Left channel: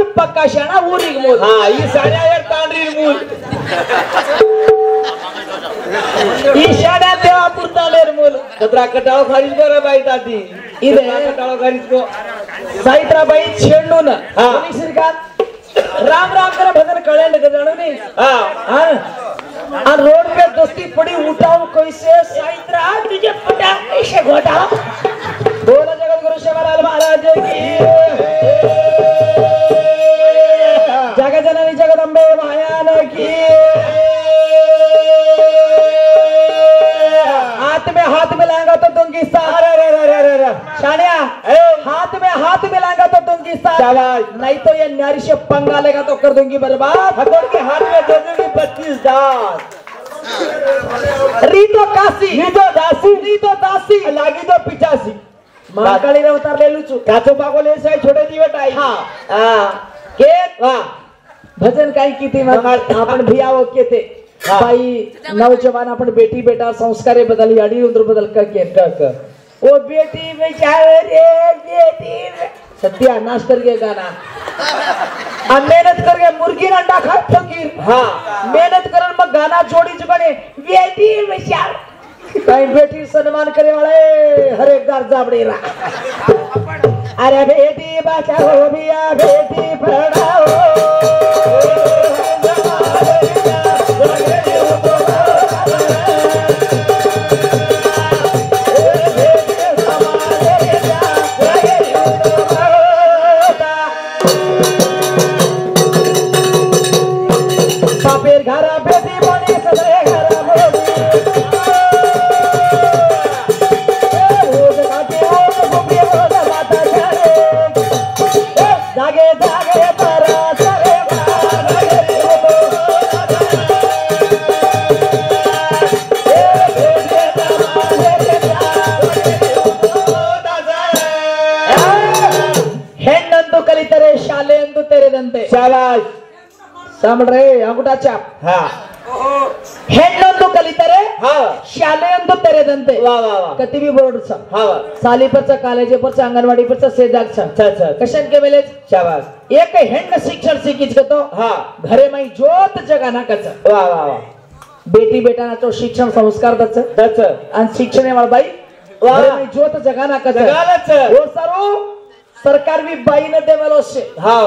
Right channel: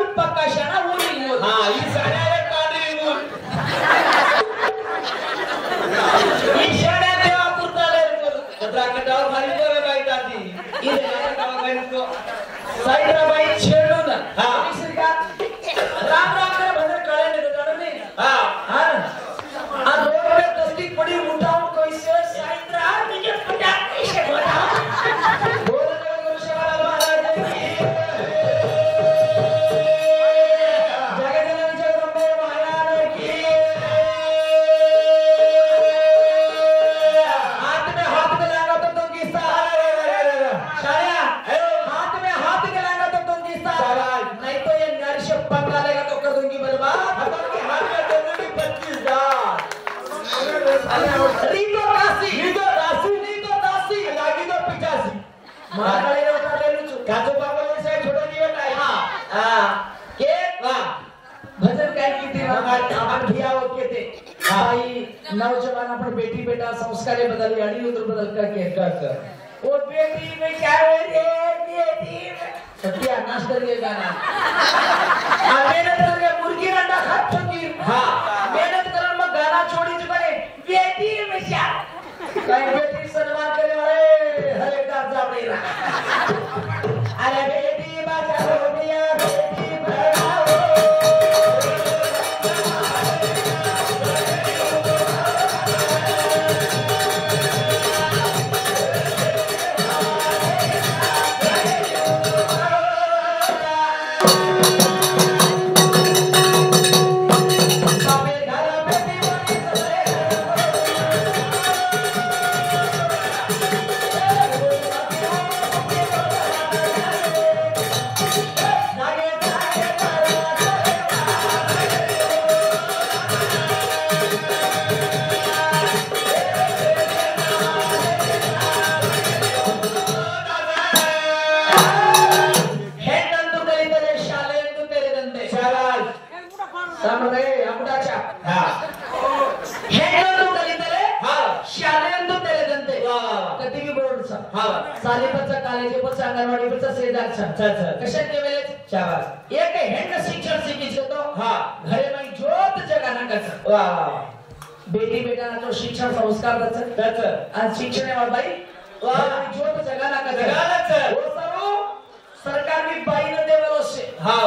मूल पक्का शाणा उरी मूल हा ही साड्या एक तांडरी मूल ही शाणा देवा पुरतालेर मूल कतरा कटाव खालीच बरं बाई दादी इले कटाव खालीच को साईत्राबाई छेडलो ना हा. श्रीकांत राम राम करे भजन कळे न जानो नहीं हा हां और रोड पे दोस्ती पड़ी उठाओ कैसे साईत्रा तुझे पटा कैसे घोटाओ बोलो जगत गुरु शिवलाल महाराज की जगत जननी जगदंबे माया की हाथ में लाएगा तो तुम की अरे शानिया हाथ में लाएगा तो तुम की नहीं तो ये नारी से पंगा लेगा तो कर दूंगी बर्बाद हथौड़ के हाथ में दे दूंगी 25,000 रीतो काशी रीतो दासी लागी तो 85 माकाळी ने उतार ले लुचू काचो पागोले से छोटे जीवट आई हां के भजन काय कीती आपण भियाव केते बाई नौजवान आपण बेटी बेटा संस्कारे बदल याडी उधर बदल करके ओ बेटी में क्या रे बेटी सत्या नाश करके गाना और मेहनत करके मुर्गी अंडा खा फकीर हां मेहनत करन मग गाना जोड़ी जुगने बेटी में क्या कहीं बेटी सम्मान करे वाले हर एक दार जाबड़ेरा अरे बेटी बचाओ भैया बेटी पढ़ाओ सामरे अंगुटाचा हां हेडनंदु कलितरे हां शालेंदु तेरे दंते वा वा वा कतिवी बोर्डचा हां सालीपरचा कॉलेजपरचा अंगणवाडीपरचा सेजागचा अच्छा कशन के वेले शाबाश एक हेड शिक्षण शिकिच तो हां घरे मै जोत जगाना कच वा वा वा बेटी बेटाना तो शिक्षण संस्कार दच आणि शिक्षण वाळ बाई वा जोत जगाना कच जगालाच ओ सरो सरकार भी बाई न देवलो से हां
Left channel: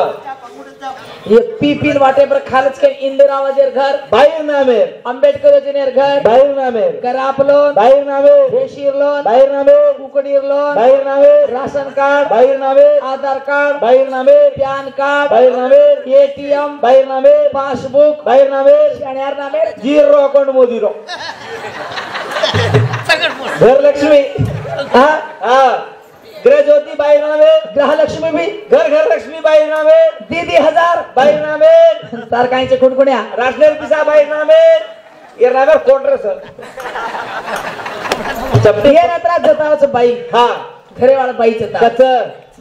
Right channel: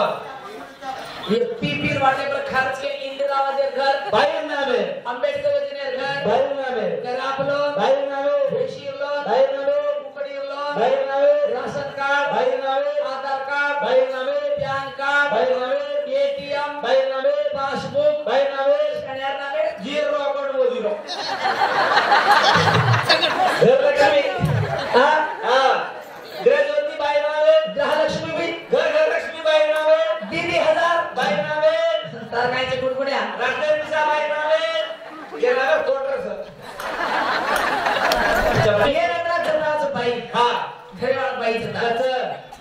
ये पीपीन वाटे पर खालच के इंदिरा वजीर घर बाई नामे अंबेडकर वजीर घर बाई नामे कराप लोन बाई नामे बेशीर लोन बाई नामे कुकडीर लोन बाई नामे राशन कार्ड बाई नामे आधार कार्ड बाई नामे पैन कार्ड बाई नामे एटीएम बाई नामे पासबुक बाई नामे शनियार नामे जीरो अकाउंट मोदीरो घर लक्ष्मी हां हां गृह ज्योति बाई नामे ग्रह लक्ष्मी भी घर लक्ष्मी बाई नामे दीदी हजार बाई नामे तार कायचे कुणकुण्या राजनेर पिसा बाई नामे ये नामे कोटरे सर चपटी ये नत्रा जताच बाई हां घरे वाला बाई जता कच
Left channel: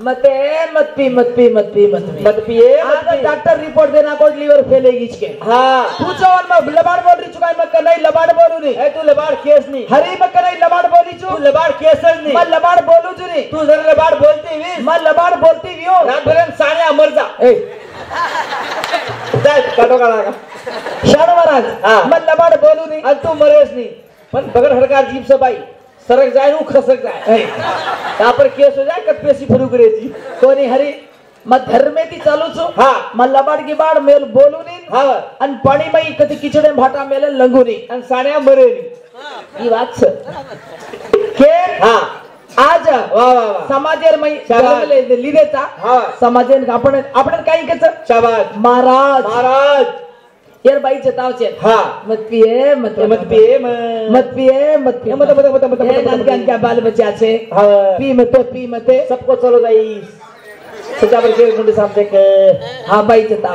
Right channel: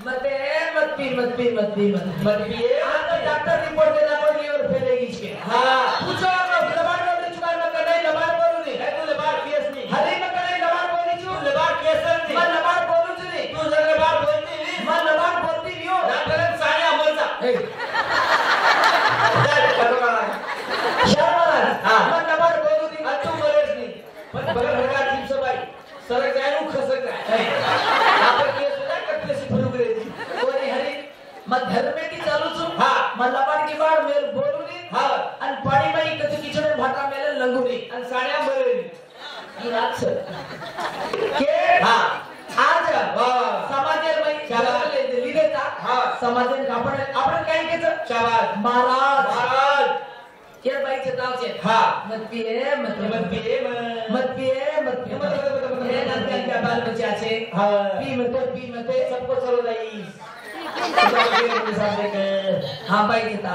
मते मत पिए आज डॉक्टर रिपोर्ट देना कोड लीवर फेलेगी इसके हां पूछो और मैं लबाड़ बोल रही चुका मैं नहीं लबाड़ बोलू नहीं है तू लबाड़ केस नहीं हरी मैं नहीं लबाड़ बोली तू लबाड़ केस नहीं मैं लबाड़ बोलू छु नहीं तू जरा लबाड़ बोलती भी मैं लबाड़ बोलती भी हूं राम भगवान साने मर जा ए जा काटो काढा शान महाराज हां मैं लबाड़ बोलू नहीं आज तू मरेस नहीं पण बगर हरकार जीप से बाई सरक जाए उ खसक जाए यहां पर केस हो जाए कपेसी फरू करेची कोणी हरी मग धर्मे की चालू छु हां मग लबाड की बाड मेल बोलू नी हां आणि पाणी बाई कधी किचडे भाटा मेल लंगू नी आणि साण्या मरे ही बात छ के हां आज वा वा समाजेर मै शाबास लिदेचा हां समाजेन आपण काही कच शाबास महाराज यार बाई चतावचे हां मत पिए मत पिए मत क्या बाल बच्चा छे हां पी मत सबको चलो गाइस सजावर के मुंडे सामने के हां बाई जता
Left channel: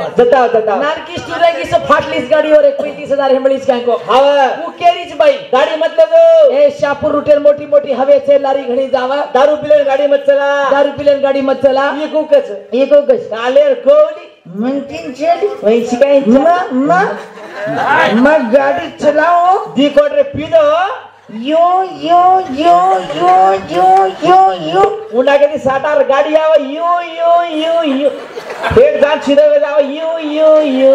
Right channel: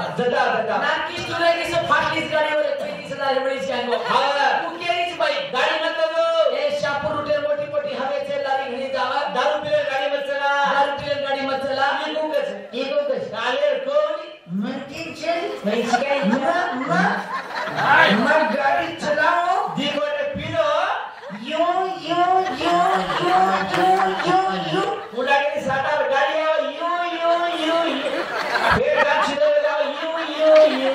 नानकी स्टूडेंट की सब फाटलीस गाड़ी और 35,000 हेमळीस काय को हां वो केरीच बाई गाड़ी मत दो ए शापूर रूटेर मोटी हवे से लारी घडी जावा दारू पिलेन गाड़ी मत चला ये को कस काले कोली मंकिन चल वैसे काय मैं गाड़ी चलाओ दी कोटरे पी दो यो उन्हा के साटार गाड़ी आवे यो फेर जान सीधे जाओ यू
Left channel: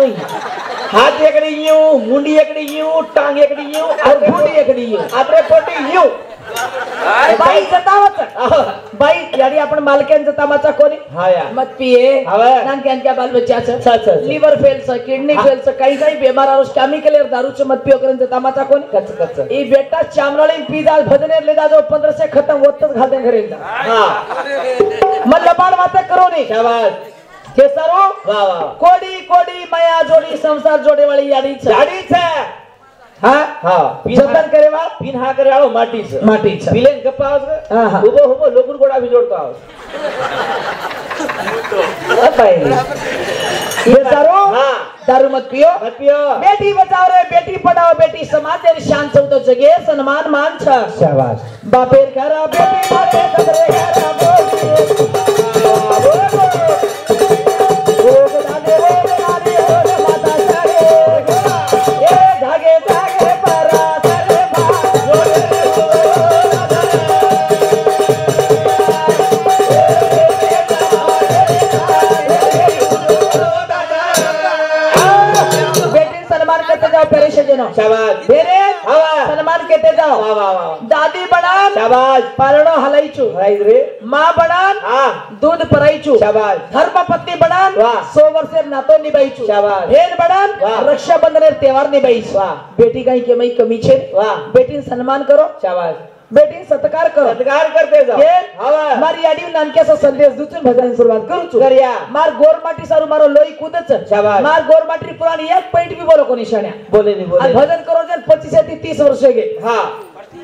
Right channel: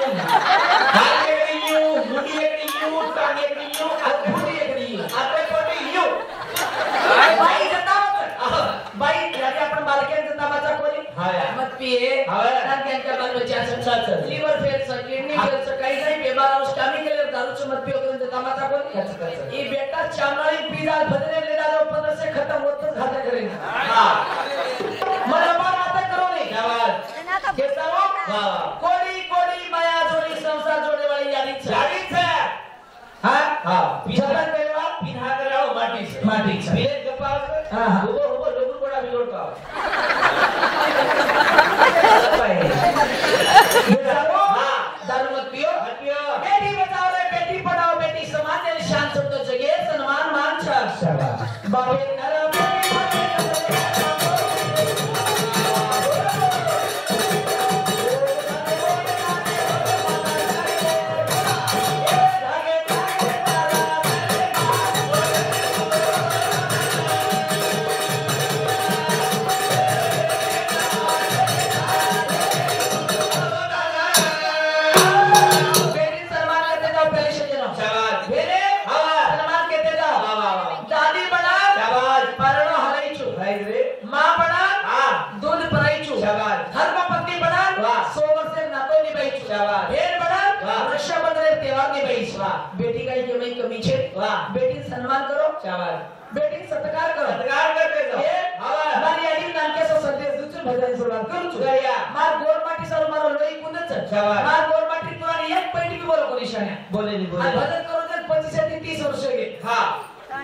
हाथ एकड़ी यू मुंडी एकड़ी यू टांग एकड़ी यू और मुंडी एकड़ी यू आपरे पोटी यू बाई जतावत बाई याडी आपण मालकेन जतामाचा कोणी हा या मत पिए हवे नानक्या बाल बच्चाचं अच्छा लिव्हर फेल किडनी फेल काही काही बेमार आरोस केमिकल दारूचं मत पियो करून जतामाचा कोणी कच्च ई बेटा चामलाळी पिदा भजने ले जा 15 से खत्म होतच घालते घरे हां मन लबाड बात करो नी क्या बात हे सर्व वाह वाह कोडी कोडी माया जोडी संसार जोडे वाली याडी છે હા હા જતન કરેવા પીન હા કરે આવો માટી છે વિલેન ગપ્પા આવે હા હા ઉભો ઉભો લોગુન ગોડા ભી જોડતો આવે ભાઈ ये दारू हां दारू मत पियो बेटी बचाओ रे बेटी पढ़ाओ बेटी समाज रे शान सब तो जगे सम्मान मान छ शाबाश बापे घरा बेटी माते कदरे घरा शाबाश बेरे सन्मान केते जाओ वाह वाह वाह दादी बना शाबाश पारणो हलाईचू राईट रे मां बना हां दूध पराईचू शाबाश धर्म पत्नी बना वाह 100 वर्ष नातो निभाईचू शाबाश भेन बना रक्षाबंधन त्योहार निभाईच वाह बेटी काई के मई कमी छे वाह बेटी सम्मान करो शाबाश बेटी सत्कार करो सत्कार करते जाओ हवा मारी आडी नानक्याचा संदेश दुच भजन सुरुवात करू छु करिया मार गोरमाटी सारू मारो लोई कूदच शाबाश मार गोरमाटी पुरानी एक पॉइंट भी बोलो कोनी शाण्या बोले नहीं बोले भजन करो जन 25 से 30 वर्ष गे हां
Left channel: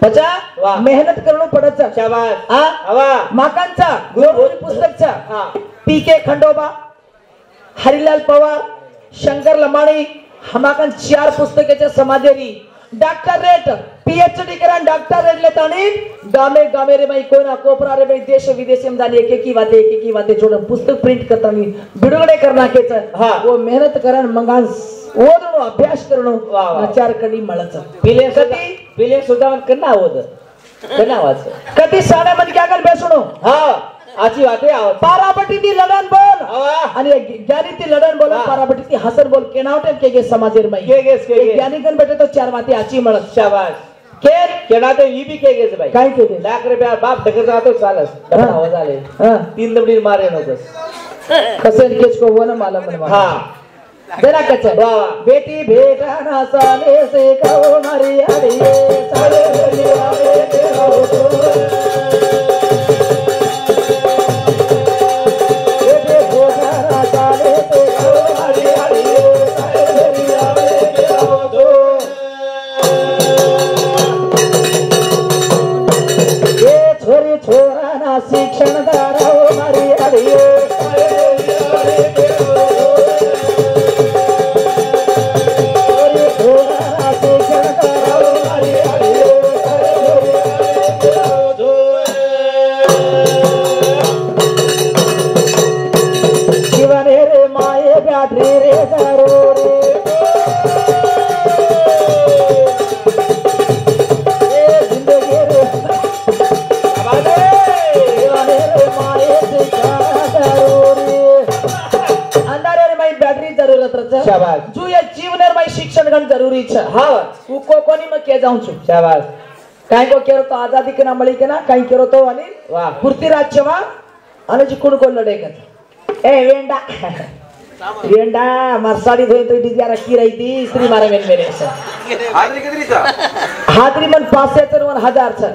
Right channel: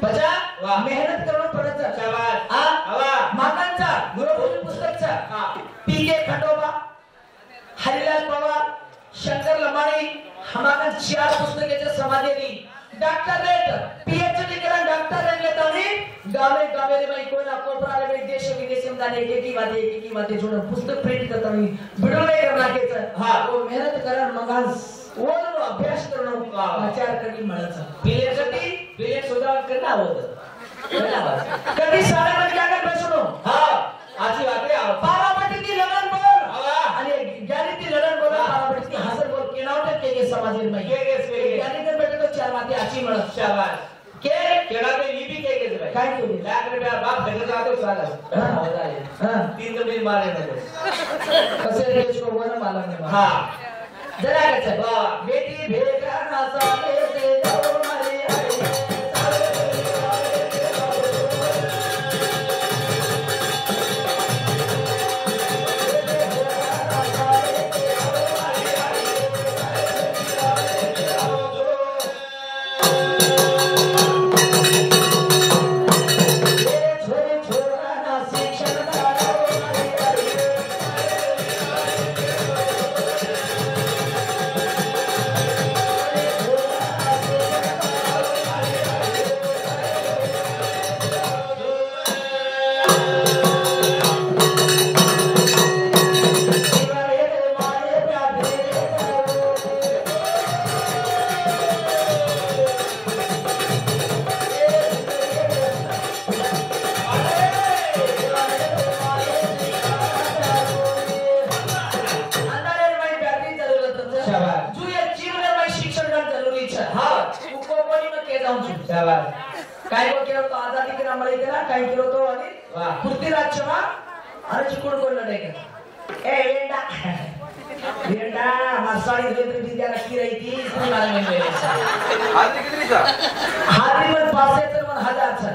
बचा वाह मेहनत करणं पडत शाबाश हां हवा माकांचा गुरुजी पुस्तकचा हां पीके खंडोबा हरिलाल पवार शंकर लमाणी हमाकन 4 पुस्तकाच्या समाजेरी डॉक्टर रेट पीएचडी करा डॉक्टर रेट लेतानी गामे गामे रे भाई कोना कोपरा रे भाई देश विदेश में जाने एक की बातें छोड़ पुस्तक प्रिंट करतानी बिडगडे करना केच हां वो मेहनत करन मंगान ओदनो अभ्यास करणो आचार कडी मळच पिले सुद्धा कन्ना होत कन्ना वाच कधी साड्या मध्ये क्या कर बेसणो हां आची बात है पारापटी ती लढण बोल आणि ज्ञानी ती लढण बोल पारापटी ती हसन बोल केनावटे के समाजेर मै के ज्ञानी गण बेटे तो 4 माती आची मळत शाबाश के केना तो ई भी के भाई काय के लाख रुपया बाप ढकत राहतो चालस हो झाले 3 दबडी मारे नव्हतं कसे केस को वन माला मन हां जरा कच्चा वाह बेटी भेटा ना साले से कहो मारी अड़िए साले बोली आवे तेरा हो जरूरी छ हां को कोनी में के जाऊं छु शाबाश काय को केरो तो आजादी के ना मळी के ना काय केरो तो आणि वाह पूर्ती राज्यवा आणि जिकुड को लढे के ए वेंडा वेंडा मरसाडी धोई तो दिया रखी रही थी स्त्री मारे में मेरे हाजरी कितनी था हाजरी मन 500 तर 1000 छ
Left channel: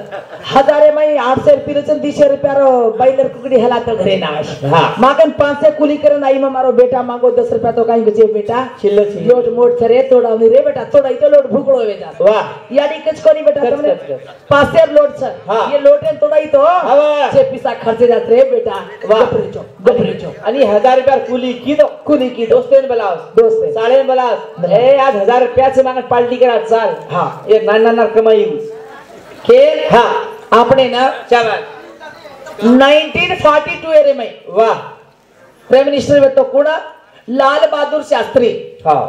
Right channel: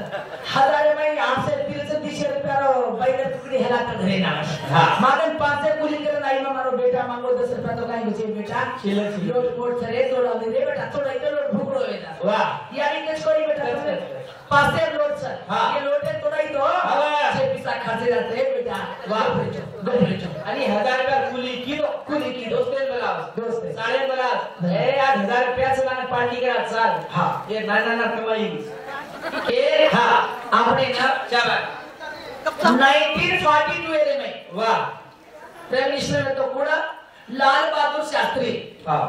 हजारे में 800 रुपये च 200 रुपया रो बाइलर कुकड़ी हेला तो घरे ना हां मागन 500 कुली करन आई में मारो बेटा मांगो 10 रुपया तो काई बचे बेटा छिल्लर लोट मोट थरे तोडावनी रे बेटा तोडाई तो लोट भूकड़ो वेदा वाह यानी कच कोनी बेटा तुमने 500 लोट छ ये लोटे तोडाई तो से पैसा खर्चे जात रे बेटा वाह गपरेचो आणि 1000 रुपया कुली की दोस्तेन बलास दोस्ते साडे बलास ए आज 1000 रुपया से माने पार्टी करा चाल हां ये नाना कमाई के हां आपने ना चला 1942 एरे में वाह प्राइम मिनिस्टर में तो कुणा लाल बहादुर शास्त्री हां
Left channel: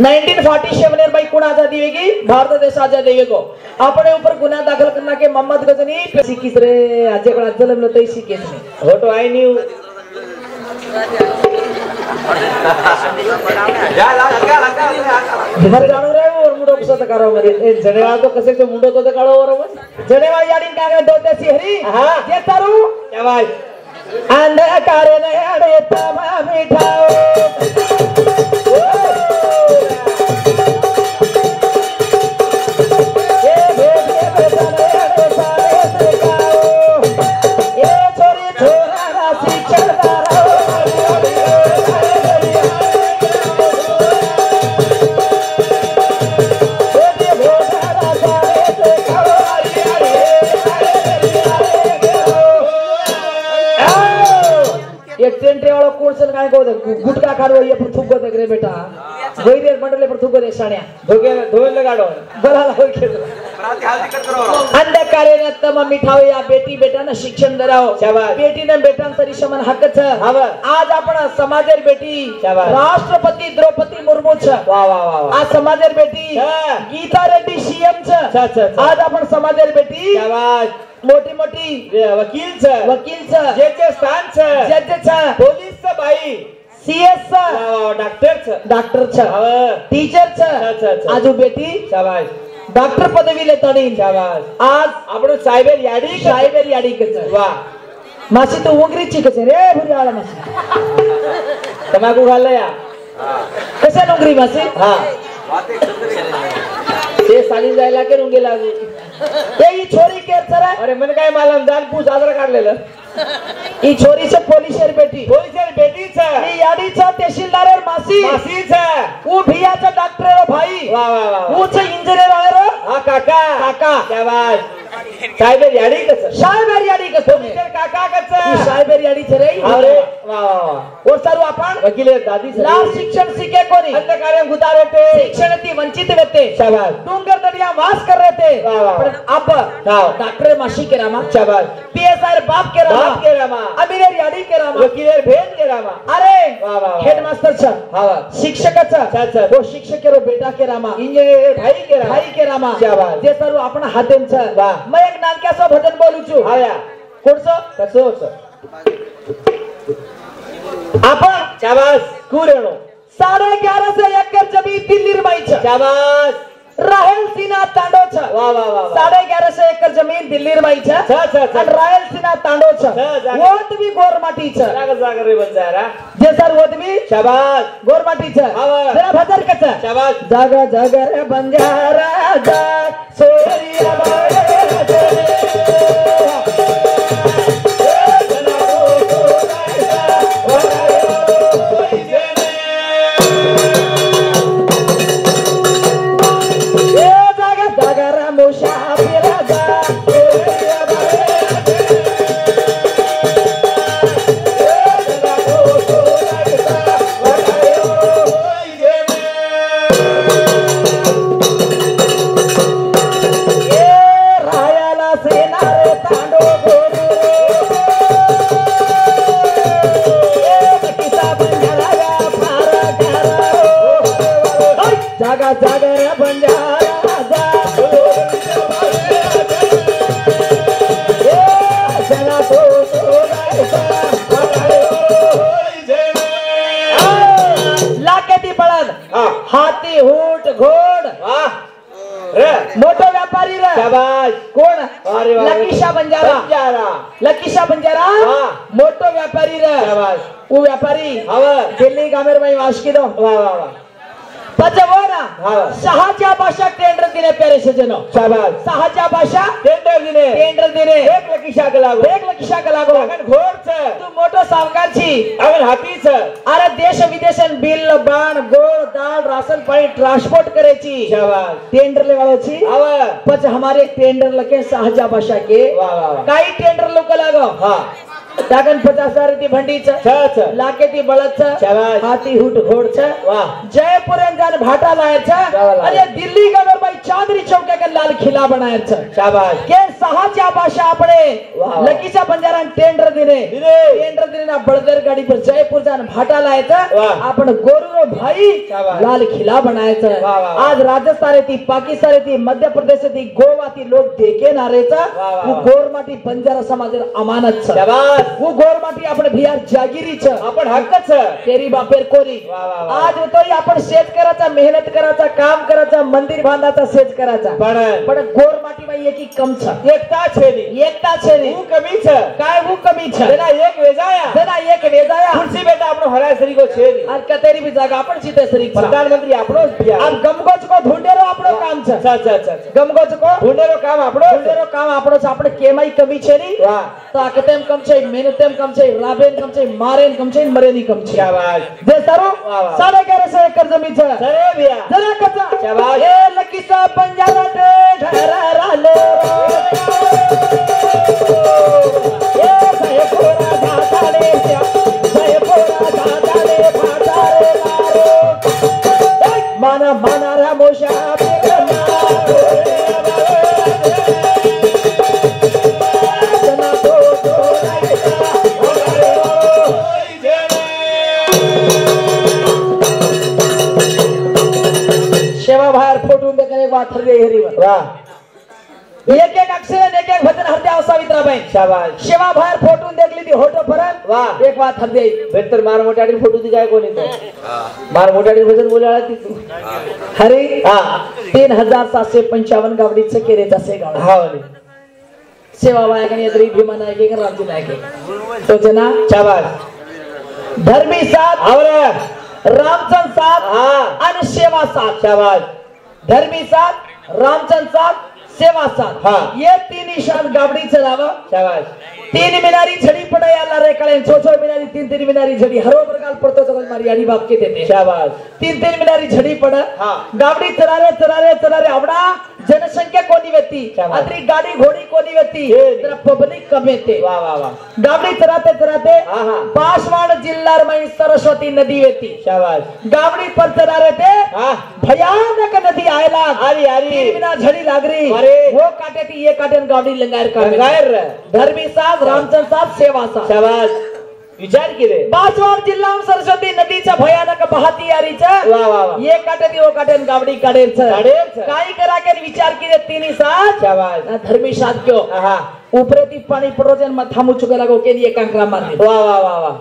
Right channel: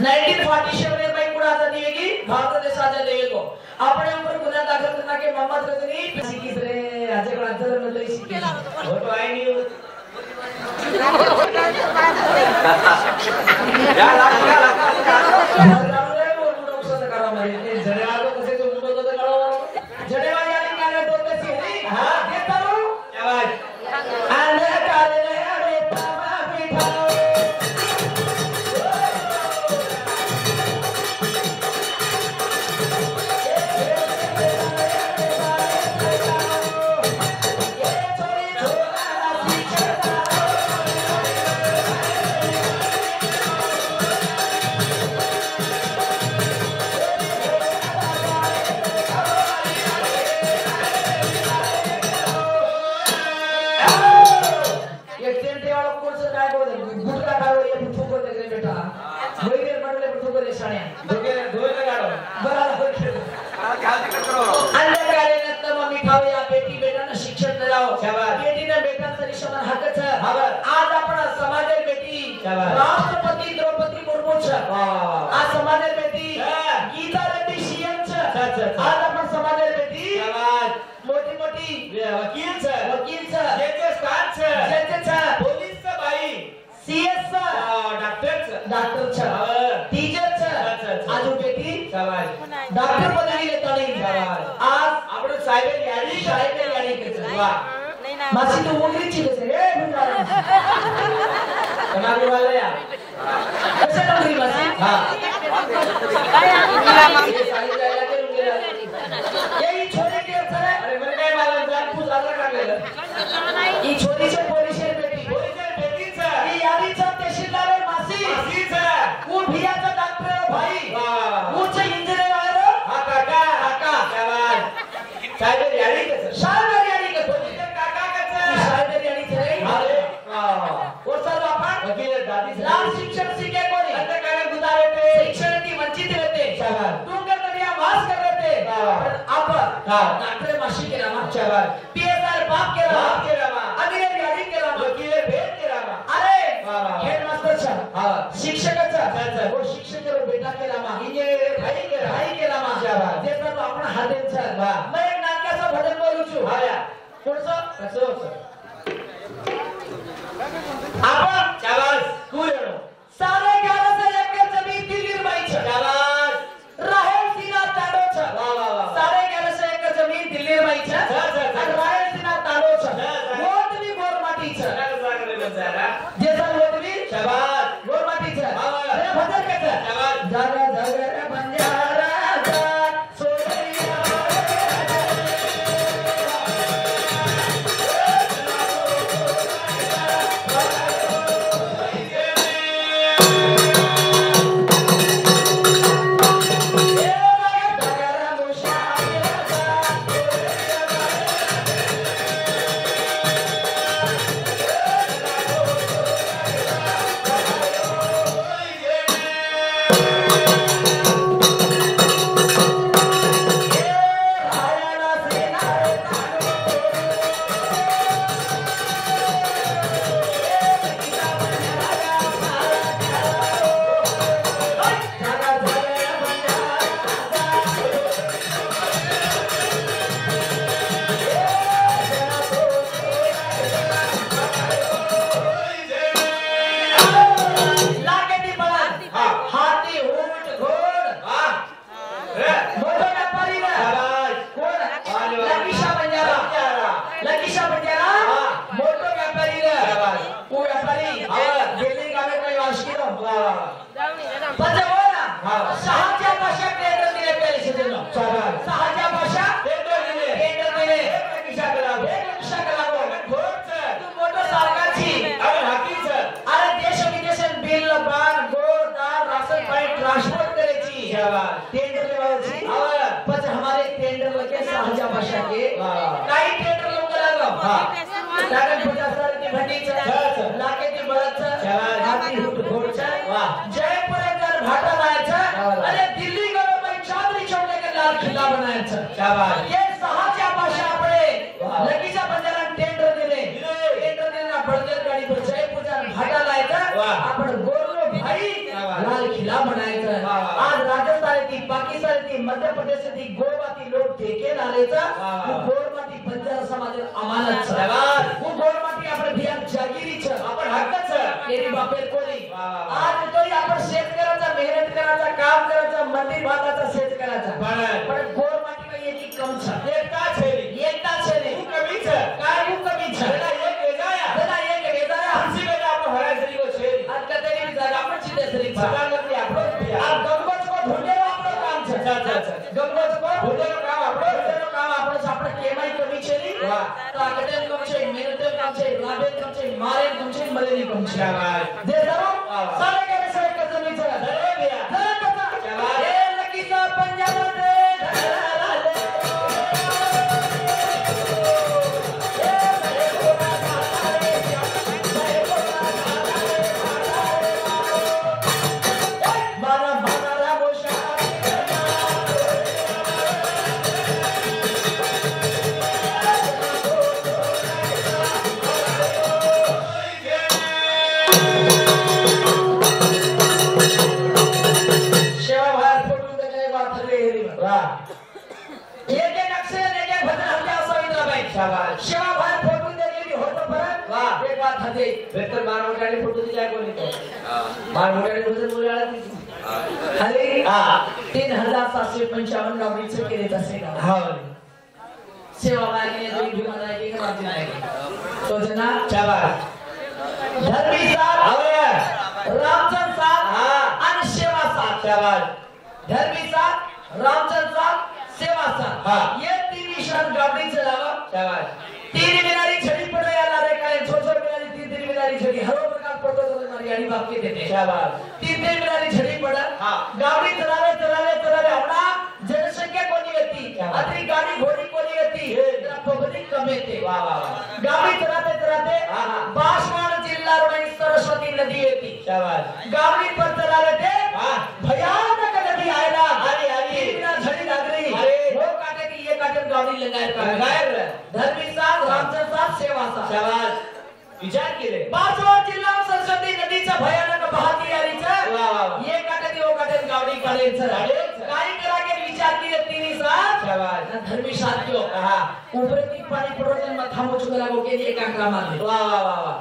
1947 में भाई कुणा आजादी होगी भारत देश आजादी होगो अपने ऊपर गुनाह दाखल करना के मोहम्मद गजनी पैसी किसरे आज जगह जलम न तैसी के हो तो आई न्यू घर जाणू रे और मुंडो कसं करावं मध्ये ए जडेवा तो कसे तो मुंडो तो काढो बरोबर जडेवा याडी काय डोट्याची हरी हा ते तारू क्या बात अंधकारने अडे तमा मिठाओ काय को गुटका काढो ये पण थुको दे रे बेटा वैरे मंडले पण थुको दे शाण्या ढोल लगाडो बराला होय केलं अंधकारेने तम मिठाओ या बेटी बेटांना शिक्षण दराव बेटीने बेटांचा समान हक्कच आज आपण समाजेर बेटी राष्ट्रपती द्रौपदी मुर्मूच आज समाजेर बेटी गीता रेड्डी सीएम आज आपण समाजेर बेटी मोठी मोठी वकील जेचे स्थान पोलीस बाई सीएस डॉक्टर टीचर आजू बेटी डॉक्टर पदवी लेतानी आज आपण सायबर याडी वा मासी तो उंगरीची कसे रे भुजाला मासी तमाकू खाल्ला या कसे नोकरी मासी हा ते साडी जायला के रुंगेला ए ही छोरी के सर अरे મને काय मालूम जान पूछ आदर काढलेलं ही छोरीचे पोलिसर बेटी बेटीच ही याडीचा तहसीलदार मासी वो भियाचा डॉक्टर भाई वा वा वा वो इंजिनियर आहे रे हा काका क्या बात सायबर याडी कसं सायबर याडी कसं काका कसं सायबर याडी रे अरे वा वा और सर्व आपण वकील दादी लाल शिक्षण सीखे कोणी अंधकारे गुजारे थे शिक्षण ती वंचित रहते शाबाश डूंगर नदियां वास कर रहे थे पर अब डॉक्टर मासी के रामा शाबाश पीएसआर बाप के रामा अमीर याडी के रामा वकील भेद के रामा अरे वा वा हेडमास्टर चा हा शिक्षकाचा वो शिक्षक रो बेटा के रामा इंजिनियर भाई के रामा शाबाश जे सर्व आपण हातेंचा वा मैं एक नानक्याचं भजन बोलू छु हा या कोणचं कसं आपण शाबाश कुरेणो 11.5 एकर जमीन दिल्ली बाईच्या शाबाश रायलसीना तांडोचा वा वा वा 11.5 एकर जमीन दिल्ली बाईच्या आणि रायलसीना तांडोचा वोटवी गोरमाटीचा जागा रे बंजारा जे सर वोटवी शाबाश गोरमाटीचा जरा भजन कसा शाबाश जागा जागा रे बंजारा जा सोरिया हाथी ऊंट घोड़ मोटो व्यापारी कोण लकीशा बंजारा मोटो व्यापारी वो व्यापारी दिल्ली गामेर में वास की दो शहाजा बादशाह टेंडर दिने प्यारे सजनो शहाजा बादशाह टेंडर दिने 1 लकीशा का लागो तू मोटो सावकार छी हाथी अरे देश विदेशन बिल बाण गोळ दाल राशन पाणी ट्रांसपोर्ट करायची टेंडर लेवायची पच हमारे टेंडर लके शहाजा बादशाह के काही टेंडर लोक लागो टाकन 50,000 ती भंडीच लाके ती बळच हाथी हुट घोडच जयपुर जान भाटा लायचा अरे दिल्ली का भाई चांदनी चौक के लाल किला बनायचा शाबाश के शहाजा बादशाह आपणे लकीचा बंजारा टेंडर दिने ना बळदर गाडी पर जयपुर जान भाटा लायचा आपण गोरू भाई शाबाश। लाल किला बनायचं वाह, वाह, वाह। आज राजस्थान येते पाकिस्तान येते मध्य प्रदेश येते गोवा ती लोक देखे नारेचा वाह, वाह, वो वाह। गोरमाटी बंजारा समाज अमानत शाबाश। वो गोरमाटी आपण बिहार जागिरीच आपण हक्कच तेरी बापेर कोरी वाह, वाह, वाह। आज येतोय आपण शेतकऱ्याचा मेहनत करायचा काम करायचा मंदिर बांधायचा शेत करायचा पण गोरमाटी बाई एकी कमच एकता छेली एकता छे હું કમી છે काय वो कमी छ તેના એક વેજાયા जना एक वेजाया ખુરશી બેટા આપણો હરાસરી કો છે आज कतेरी भी जागा आपण सीधे सरी પ્રધાનમંત્રી આપણો જ થયા आज गमगोच को ढूंढेरो આપણો काम छ અચ્છા અચ્છા અચ્છા गमगोच को ઢૂંઢેલો કામ આપણો જ. ढूंढेरो काम આપણો छ આપણે કેમાઈ કમી છે ની વાહ તો આકतेम कम છે मेहनतेम कम છે राबेन कम છે मारेन कम છે मरेनी कम છે શાબાશ जे तारो वाह, वाह। 1150 एकड़ जमीन छ અરે ભૈયા जरा कच्चा शाबाश। ए लकी सा पंजाब दे ढराले ए सहे कोरा जाता रे सहे कोरा जाता रे भाता रे मारो माना माना रामोशा शेवा बाहेर फोटून देखाने बात हरले हेरीवर વાહ एक एक अक्षर आणि एक एक भजन हरते सावित्राबाई શાબાશ शेवा बाहेर फोटून देखली ती होतो फरक वाह. एक बात हरते બેતર માર મોટાડી ફોટો થી જાય કોની તો માર મોટાડી ભજન બોલાળા ती तू हरे હા 3755 गावडीचं केरेचा से गाव હા ઓલી सेवा बायगणी तरी भीमा नायके का राज्य नायके तो जना શાબાશ धर्मी साथ આવરે रामचंद साथ હા आणि सेवा साथ શાબાશ धर्मी साथ रामचंद साथ सेवा साथ हाँ। ये तीन ईशान गावडी चलावा શાબાશ तीन मिनारी झड़ी पड़े याला रे कळे छो छो मिनारी तीन मिनारी झड़ी हरो प्रकार पड़तो तो मारी आड़ी बाप के देते શાબાશ तीन मिनारी झड़ी पड़ हाँ। गावडी चलारे आवडा जनसंख्या कोणी व्यक्ती शाबाश। अत्री गाडी घोडी कोणी व्यक्ती हे। जरा पब्लिक कमी येते વાહ વાહ વાહ गावडी चलाते हाँ, हाँ। बासवाड जिल्हा में सरस्वती नदी येती શાબાશ गावडी पर चलारे ते હા भयानक नदी आयला હારી હારી तीन मिना झड़ी लागरी अरे। वो काटे की ये काटे गावडी लंगायर काटे ગાયર धर्मी साहब रामचंद साहब सेवा साहब શાબાશ વિચાર કરે बासवाड जिल्हा सरस्वती नदीच्या भयानक बहाती यारीच्या વાહ વાહ વાહ ये काटे ती वो काटे गावडी काढेच काढेच. काही करा के विचार किरे तिन्ही साथ શાબાશ धर्मी साथ क्यों હા उपरे ती पाणी पडोजन मत थांबू चुके लागो के लिए कांकरा मारली વાહ વાહ વાહ વાह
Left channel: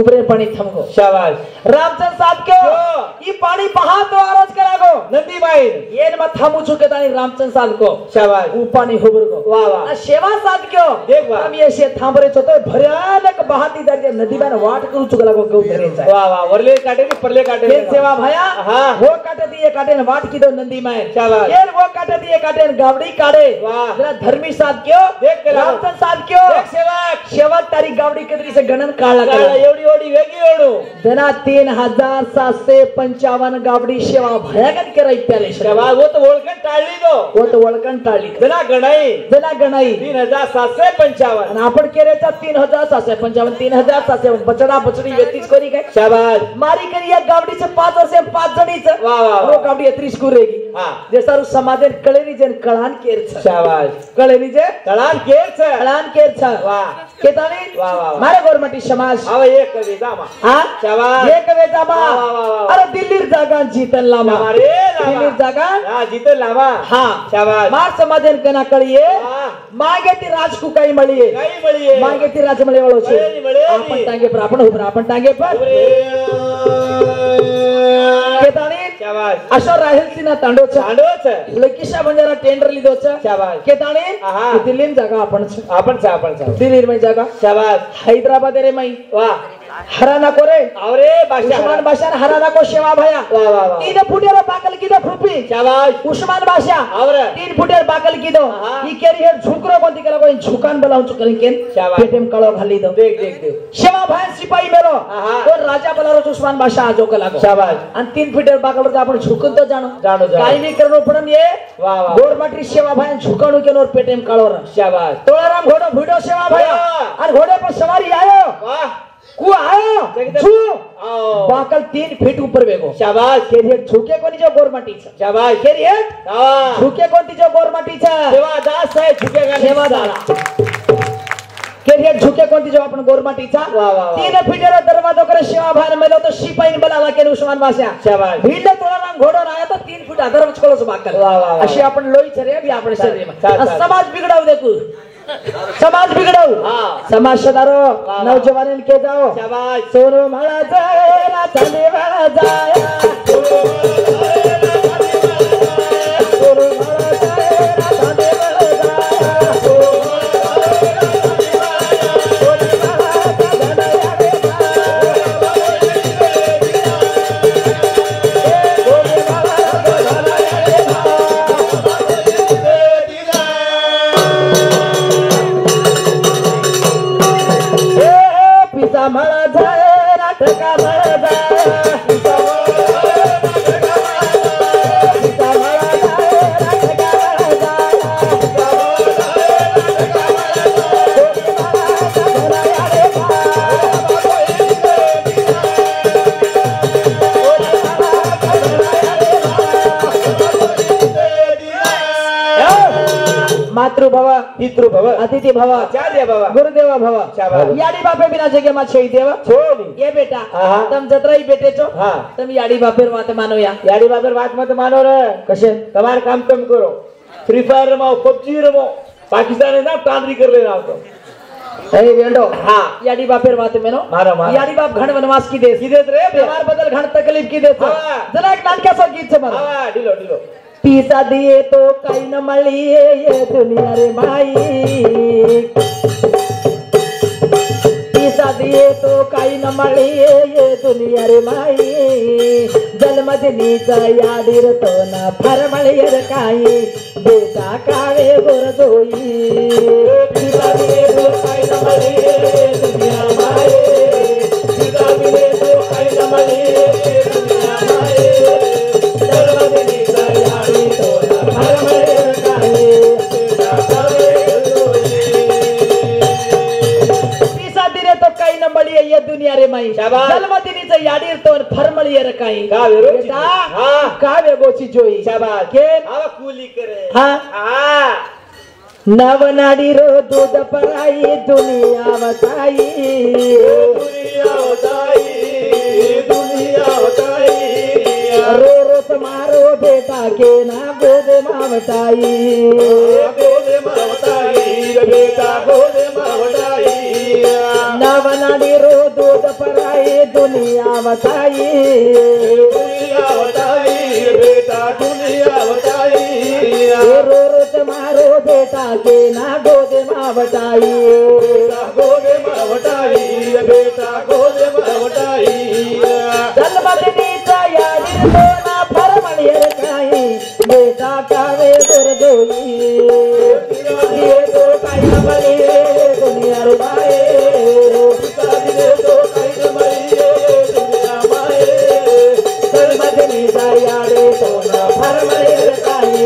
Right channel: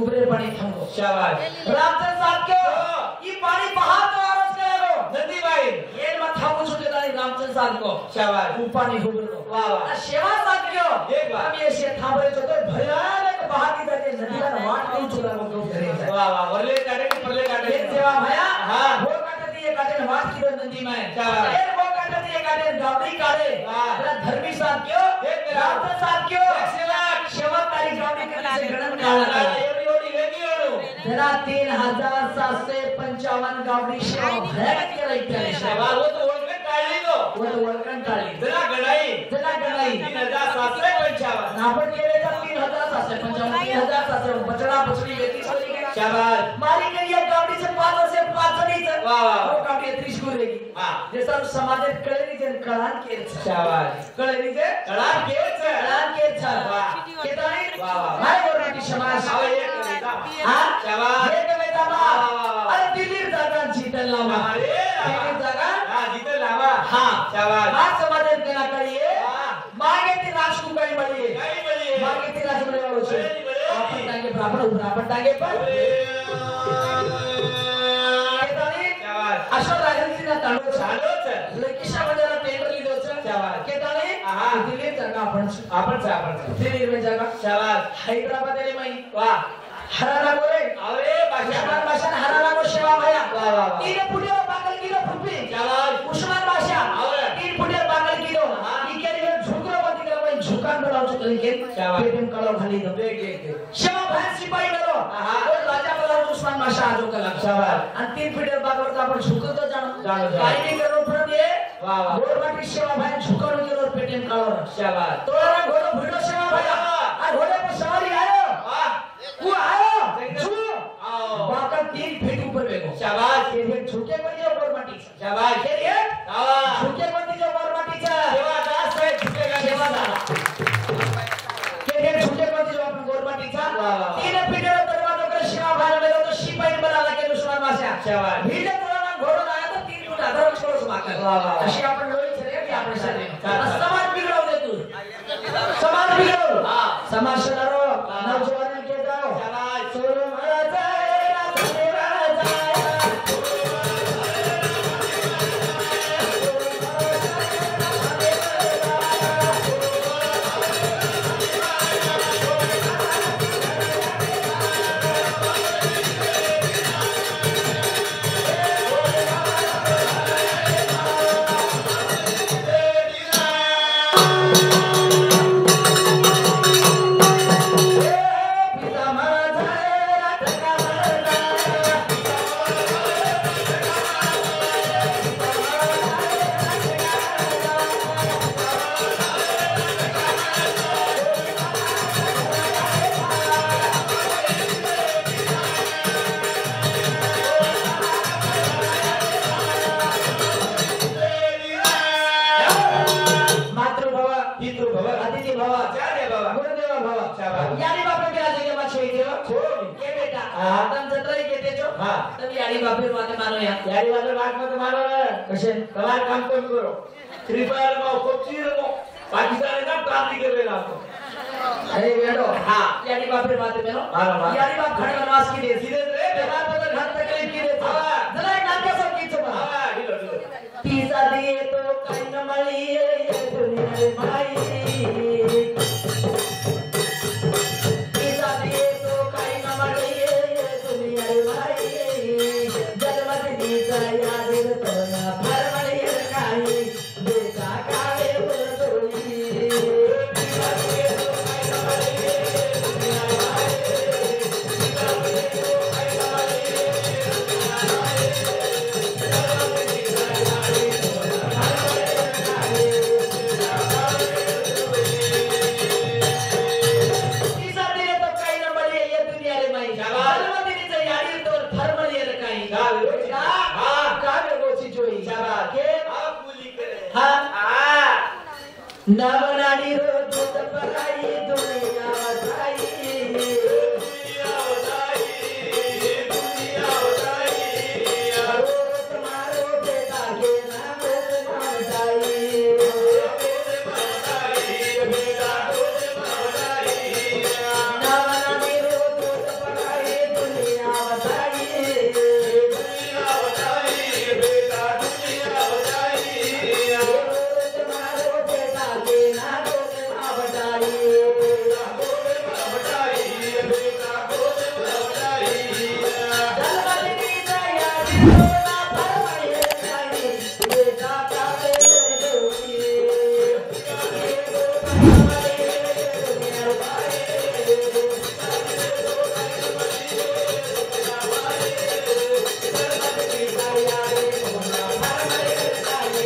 उपरे पाणी थांबो શાબાશ रामचंद साथ क्यों क्यों? ई पाणी बहा तो आरोज करागो નદી બાઈ ये मत थांबू चुके ताई रामचंद साथ को શાબાશ ऊ पाणी हुबर को वाह, वाह. आ शेवा साथ क्यों देख वाह. हम ये शे थांबरे तो भयानक बहाती जाते नदीला वाट करू चुके लागो गौ धरेचा વાહ वाह वरले काटे की परले काटे ये सेवा भाया हाँ. वो काटे दिए काटे न वाट की दो नंदी में शाबाश. ये वो काटे दिए काटे न गावड़ी काटे वाह. जरा धर्मी साथ क्यों देख के लाओ. रामचंद साथ क्यों देख सेवक शेवट तारी गावड़ी के से गणन काढला કાળા એવડી એવડી વેગી એવડું जना 3755 गावडी सेवा भयानक कराई त्याले શાબાશ वो तो ओळखण टाळली तो वो तो वळकण टाळली जना गणाई जना गणाई 3755 आणि आपण केरेचा 3755 3755 बचडा बचडी व्यतीच करी काय શાબાશ मारी करी या गावडीचे 5 वर्षे 5 जणीच वाह, वाह, वाह. वो गावडी अत्री स्कुरेगी હા जे सर समाजेर कळेली जन कळान केरछ શાબાશ कळेली जे કળાન કે છે कळान केरछ વાહ केतानी वाह, वाह, वाह. मारे गवर्नमेंट समाज હવે એક કવિતામાં हा શાબાશ एक वेतामा वाह, वाह, वाह, वाह. अरे दिल्लीर जागा जीतन लामा તમારે दिल्लीर जागा હા જીતે લાવા हा શાબાશ मार समाजेर कना कळीये વાહ मागे ती राजकू काही मळीये કઈ મળીએ मागे ती राजमळे वाळो छे મળેલી, મળેલી. आपण टांगे पर आपण टांगे पर केतानी શાબાશ अशो राहेल सिना तांडोच ચાંડો છે लकीशा बंजारा टेंडर लिदो छ શાબાશ केतानी आहा. दिल्लीर जागा आपण छ આપણ છે दिल्लीर में जागा શાબાશ हैदराबाद रे माई વાહ हराना को रे આવરે ભાષા उस्मान बादशाह ने हराना को सेवा भया वाह वाह वाह 3 फुटेर बाकल किदो फुपी શાબાશ उस्मान बादशाह आवरे 3 फुटेर बाकल किदो हाँ. ई केरी हे झुकरो कोणती केला कोण झुकान बोलावून चुकल केन शाबाश. पेटेम कळो घाली दो देख देख देख सेवा भया सिपाही मेलो आहा. कोण राजा बोलारो उस्मान बादशाह आजो कला को શાબાશ आणि 3 फुटेर बाकल तो आपण झुकून तो जाणो जाणो. काही नाही करणो पण ये वाह वाह गोरमाटी सेवा भया झुकाणू केलो पेटेम कळो શાબાશ तोळाराम घोडो भिडो सेवा भया वाह. आणि घोडे पर सवारी आयो વાહ कु आयो एकदम. झू आओ बाकल 3 फीट ऊपर वेगो શાબાશ खेरी एक झुके कोणी जो गोरमाटीचा શાબાશ खेरी एक વાહ झुके कोणती जो गोरमाटीचा સેવાદાસ છે ઝુકેગા નહીં. सेवादार खेरी एक झुके कोणती जो आपण गोरमाटीचा वाह, वाह, वाह. 3 फीटेर दरवाजा करे सेवा भान मेलो तो शिपाई बोलावा के गेलो उस्मान मास्या शाबास. भिंड तोडा ना घोडो ना तर 3 फूट आधार छोडस बाकर वा, वा, वा. अशी आपण लोई छरे बी आपण चाल, शरीर चाल. समाज बिघडवू दे तू समाज बिघडवू हा. समाज सुधारो वा. नौजवान के जाओ शाबाश. सोनो मला जाय ना चाले मला जाय सोनो मला जाय ना चाले मला जाय पिता मला जाय नाटका मला जाय पिता मला जाय नाटका मला जाय मातृभव पितृभव अतिथि भव आचार्य बाबा गुरुदेव भव शाबाश. याडी बापे बिना जगे मा छई देव छोड़ ये बेटा हाँ. तम जतराई बेटे छो हाँ. तम याडी बापेर माते मानो या यारी बाजार बात मत मानो रे कसे તમારે કામ તમે કરો फ्री फायर रमो पबजी रमो पाकिस्तान है ना तांद्री कर लेना तो ए वेंडो हाँ. याडी बापेर माते मेनो मारो, मारो. याडी बाप घण वनवास की देश सीधे रे व्यवहार बदल घण तकलीफ की देश हाँ. जरा एक नानका सा गीत छे मारो हाँ ढिलो ढिलो पीसा दिए तो कई न मली ये दुनिया रे माई पीसा दिए तो कई न मली ये दुनिया रे माई जन्मदिनीचा यादीर तो ना फरमळी रे काही बेटा काळे गोरदोई पीसा दिए तो कई न मली ये दुनिया माई पीसा दिए तो कई न मली ये दुनिया माई जन्मदिनीचा यादीर तो ना फरमळी रे काही बेटा काळे गोरदोई पीसा दिए तो कई न मली ये दुनिया रे माई शाबाश. जन्मदिनीचा यादीर तो फरमळी रे काही का वेरो बेटा हाँ. काव्य गोची जोई शाबाश. के हाँ कूली करे हाँ. हाँ नवनाडी रो दूध पराई दुनिया बताई दुनिया बताई रो रो समारो बेटा के ना गोद मावताई गोदे मावताई बेटा गोदे मावताई नवनाडी रो दूध पराई दुनिया बताई दुनिया बताई बेटा दुनिया बताई रो रो समारो बेटा के ना गोद मावताई गोदे मावताई बेटा गोदे मावताई जन्मदिनीचा यादी तो ना फरमळी रे काही बेटा कावे दुर्दोई ये तो काही नमली दुनिया रे बाई जन्मदिनीचा यादी तो ना फरमळी रे काही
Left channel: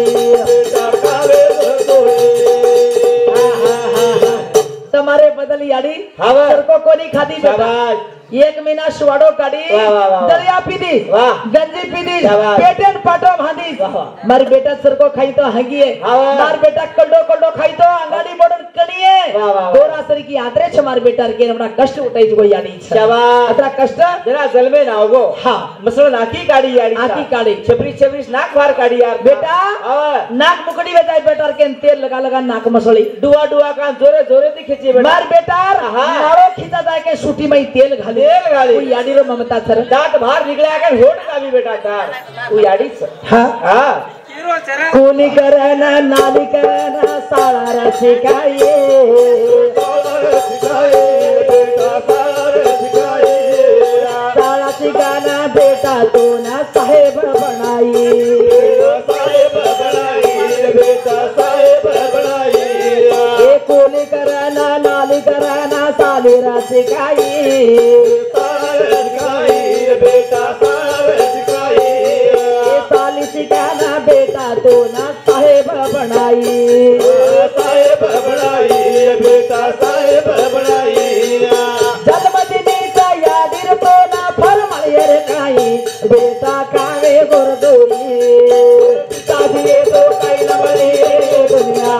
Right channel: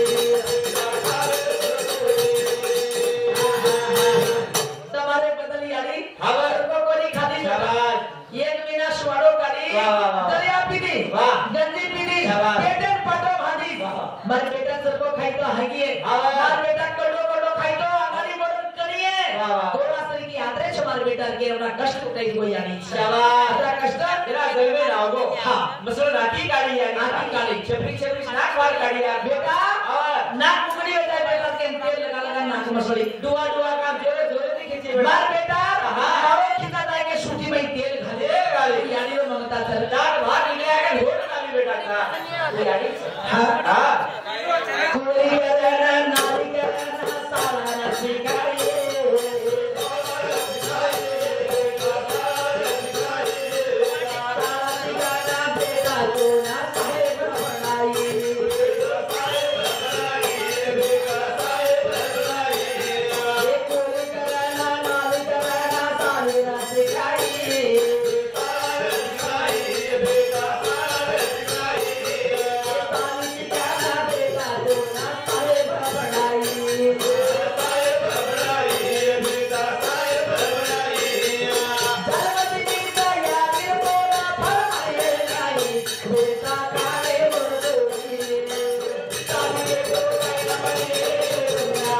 તમારે બદલ યાડી હવે. સરકો કોની ખાધી બેટા? શાબાશ. એક મહિના સ્વાડો કાઢી વાહ, વાહ, વાહ. દરિયા પીધી વાહ. ગંજી પીધી શાબાશ. પેટે પાટો ભાંધી વાહ, વાહ. મારી બેટા સરકો ખાઈ તો હંગીએ વાહ. માર બેટા કડો કડો ખાઈ તો અંગાડી બોર્ડર કણીએ વાહ, વાહ. દોરાસરી की यात्रे छ मार बेटा के हमरा कष्ट उठाई गो यानी शाबाश. आता कष्ट जरा जलवे ना होगो हाँ मसलो नाकी काढी यार आकी काढी. 26 नाक बार काढी यार बेटा हाँ. नाक मुकड़ी में जाए बेटा के तेल लगा लगा नाक मसली दुआ दुआ का जोरे जोरे ती खिची बेटा मार बेटा हाँ. मारो खिचा जाए के सूटी में तेल घाले तेल घाले. कोई यानी रो ममता सर दांत बाहर निकले आकर होठ का भी बेटा का तू याडी हाँ हाँ कोणी करना नाली करना साळा रची काये साळाची गाना बेटा तो ना साहेब बनाई ए कोणी करना नाली करना साली रची काये साली गाना बेटा तो ना साहेब बनाई जन्मदिनीचा यादीर तो ना फरमळी रे काही बेटा कावे गोरदोरी साधी तो काही नमली दुनिया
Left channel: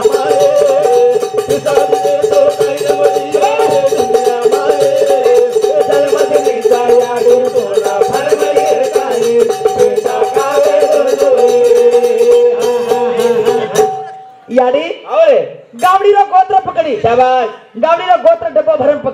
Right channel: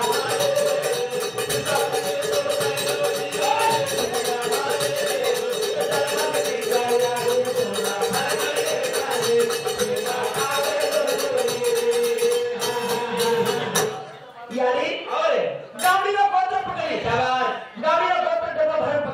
जन्मदिनीचा यादीर तो ना फरमळी रे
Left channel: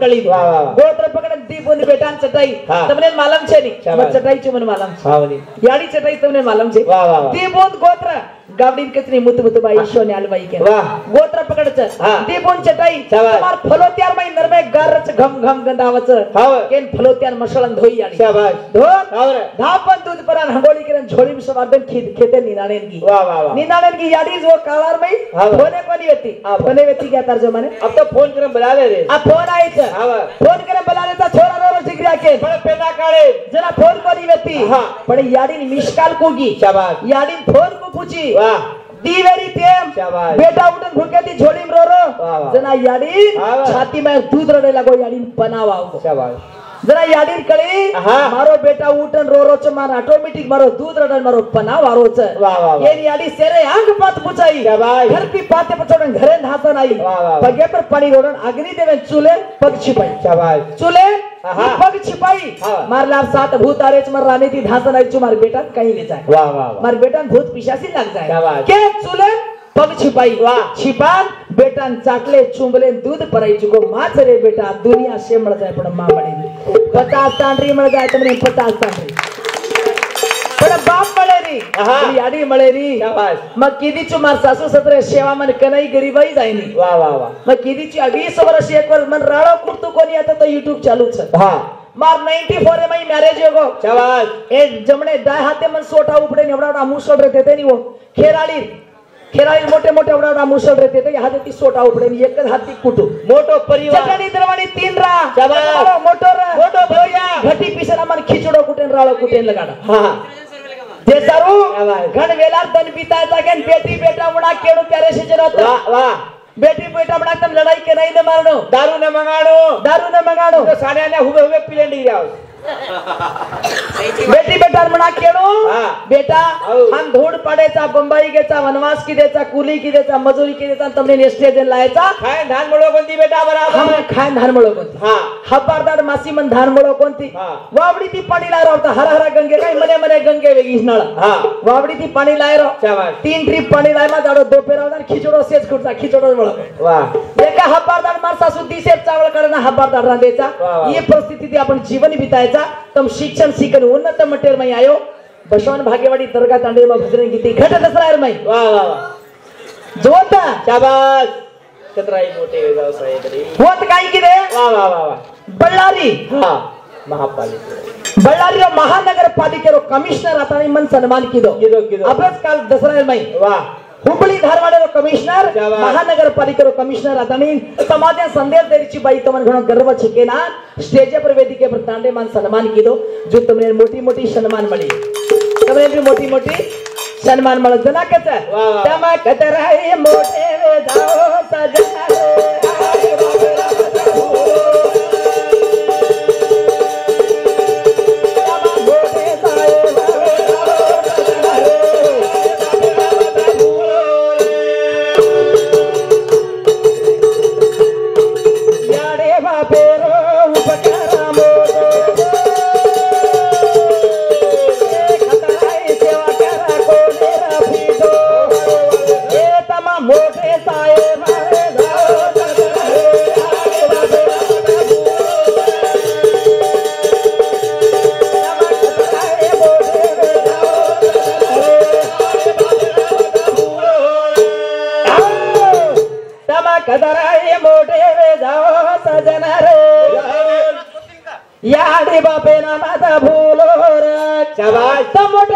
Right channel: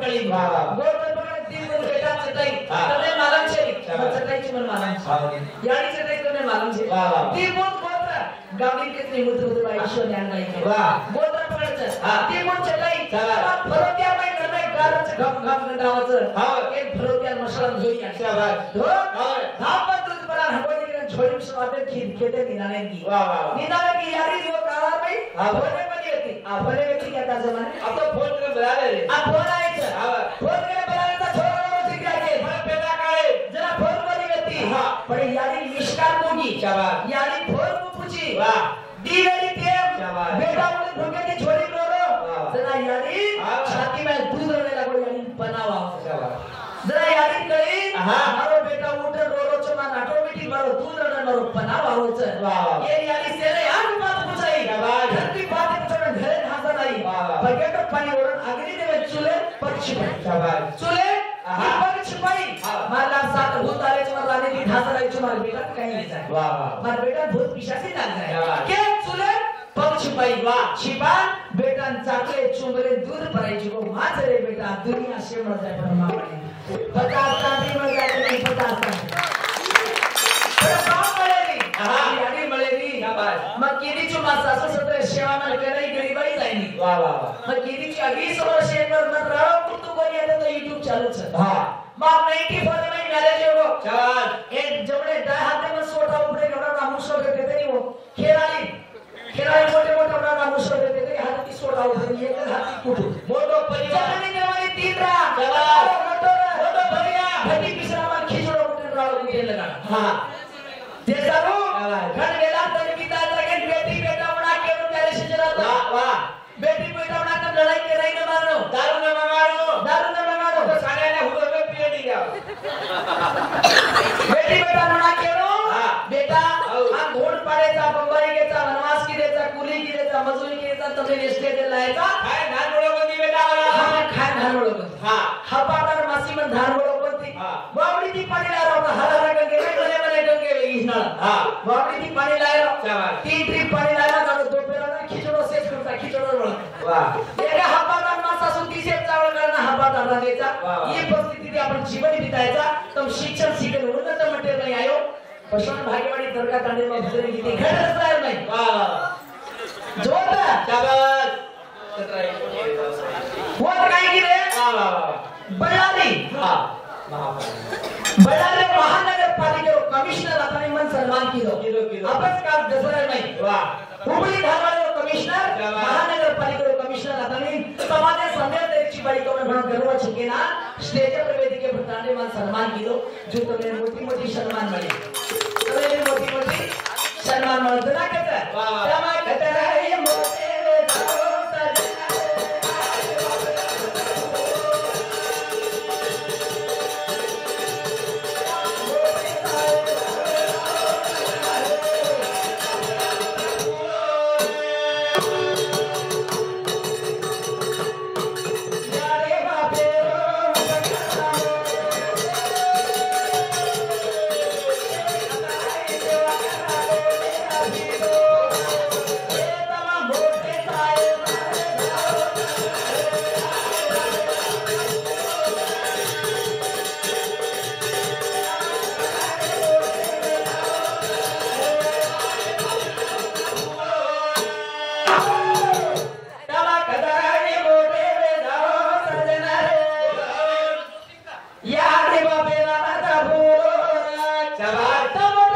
कड़ी वाह, वाह, वाह। गोत्र पकड़ दी बोल बेटा चटाई हाँ। तुमने मालूम छे नी शाबाश। चटाई चुमन मालूम छे हाँ बनी याड़ी चटाई तुमने मालूम छे वाह, वाह, वाह। दी बोल गोत्र गावडी कितनी मुत मुत बाई शोने अलवाई के वाह। गोत्र पकड़ च हाँ। दी बोल चटाई शाबाश। तुम्हार फलोत्यार में नरमे गारच घम घम गंधावच हाँ। केन फलोत्यार मसलन धोई याड़ी शाबाश धो हाँ रे धापन दूध परान हंगोली किरण झोली में सवादन खेते निनानेन की वाह वाह वाह निनानेन की याड़ी जो कालार में हाँ। होने वाली होती हाँ। होने व्यक्ति क्या तर्जुमा ने अब तो फोन कर बुला ले रे अब फोन आए थे हाँ। फोन करे बुला लेता छोरा रो सिगरिया के बड़े पेटा काढ़े जरा फोन वाली व्यक्ति हाँ। बड़े याड़ी मिसकाल कोगी शाबाश याड़ी फोन को पूछी वाह दी वेरी टेम शाबाश। बेटा उठन घुटके दी झोली में रो वाह, वाह। जना याड़ी हाँ, वाह। छाती में दूध रोने लगो याड़ी बनावा शाबाश जरा यादी कड़ी हाँ। मारो बेटा उठन रो रो च मार ऑटोमेटिक मारो दूध रडन मारो पना वारो च वाह, वाह, वाह। ये यादी सेरे आंग बात पूछाई शाबाश। घर की बातें पूछोन घरे नासन आई वाह, वाह, वाह। पगे पर पानी रोडन अग्नि देवे चूल्हे पग छिपाई शाबाश चूल्हे हाँ। पग छिपाई हाँ। मार लार सात भूत आरे च मार रानी थी धासन आई चु मार बेटा कहीं ले जाए वाह वाह वाह मार बेटा भूत पिशाची लग जाए शाबाश। के चूल्हे पग छिपाई वाह छिपान बेटा चाटले चुंबले दूध पराई चुको माच रे बेटा दुनिया से मर जाए पण मां बड़ी 50 तांडरी मर जाए तुमने 50 तांडरी पण बाप मळे री हाँ। याडी मळे री शाबाश मग किदी चु मार सासू सत्रे सेवा मन कनाई गरीबाई जाईनी वाह वाह वाह मग किदी चु 20 वर्ष एक वर मन राळो कुर्तू कोणी आता तो YouTube चालू छ हाँ मार 94 में मैरिज होगो शाबाश एक जमणे दाय हाते मन सोटा उपडे एवढा मुसळ रहते ते नी वो खेराळी मोठे मोठे एवढा मुसळ रहते ते हाते ती सोटा उपडे एकच हाती कुटू मोटो परिवार जगणी दरवाणी तीन रा शाबाश। मोटो परिवार घटी पिसरा मन खिचडो कुटेन राळो कुटेन लगाडा हाँ जे सारू शाबाश। घण वेला तन पिता जागेन बेटी बेटा मुडा केडो त्यारे से जरत वाह वाह बेटी बेटा मुडा तम लड़ाई के नहीं न मारनो दारू न मंगाड़ो दारू न मंगाड़ो तो साने ने हुए हुए पिए नहीं जाओ बेटी बेटा मुडा केडो हाँ। बेटा औ। हम धूड पाडेचा बंबई गेचा वनवास की देचा कुली की देचा मजुरी की देचा तुमने नेस्टेज लायचा खाए धान मुड़ो बंदी बेटा बराबर हम खाय धानमळो कोणती हाँ हपारदार मासी मन धानमळो कोणती हाँ। वावडी ती पाणी लाय रावता हर हर गंगे काय मने मने गंगे वेगीस नळ हाँ वावडी ती पाणी लाय राव शाबाश 3 ट्रिप पाणी लाय मा जाडो दोपेरादार खिचडो सेच खुडता खिचडो वळ वाह एका हपारदार माणसा सुद्धी सेच चावळ करणं हपारदार रांदेचा वाह, वाह। ये परिस्थिती ती आपण जीवन बितायचा तम शिक्षण शिकन उन्नत मटेर मै आयो बसवन भाग्यवाडी दरगाह तांडे मा भजन गीती घट दसरायर मै वाह वाह वाह जोता शाबाश सतराई मोटे जाओ साहेब होत काय की रे वाह वाह वाह वाह बಳ್ಳारी हाँ महापालिका बಳ್ಳारी महानगर पालिकेरो कमिश्नर आता मन सन्मान किदो किदो अबच काल दसरायर मै वाह हुबळी धारवाडero कमिश्नर शाबाश. महानगर पालिकेरो कमिश्नर आता समाजा संदेश देरीची बाई तमन घणो गर्व छके ना स्टेज पर वेदिके पर तांडे मान सन्मान किदो जो तुमने मोटी मोटी सम्मान मळी तुमने भी मोटी मोटी सम्मान मळ जना कत वाह, वाह. तमा कतराई मोटे दाओ सजना याडी बापे ना माझा भूलो रे शाबाश मोठे